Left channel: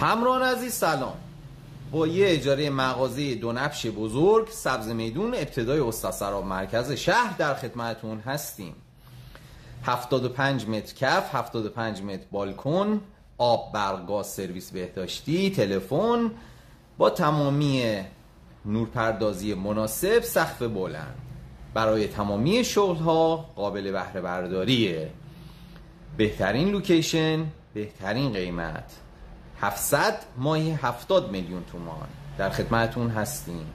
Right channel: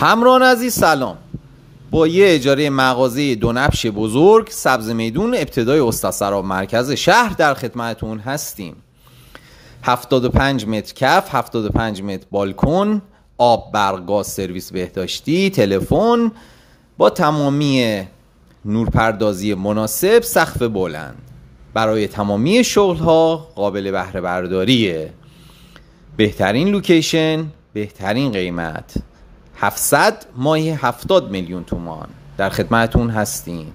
همراهان عزیز سلام. با یه اجاره مغازه دو نبش بزرگ سبز میدون ابتدای استاسراب مرکز شهر در خدمتون هستیم. 75 متر کف، 75 متر بالکن، آب، برق، گاز، سرویس بهداشتی، تلفن با تمامی نورپردازی مناسب، سقف بلند. برای تمامی شغل‌ها قابل بهره برداریه. بهترین لوکیشن، بهترین قیمت. 700 ماهی 70 میلیون تومان. در خدمتون هستیم.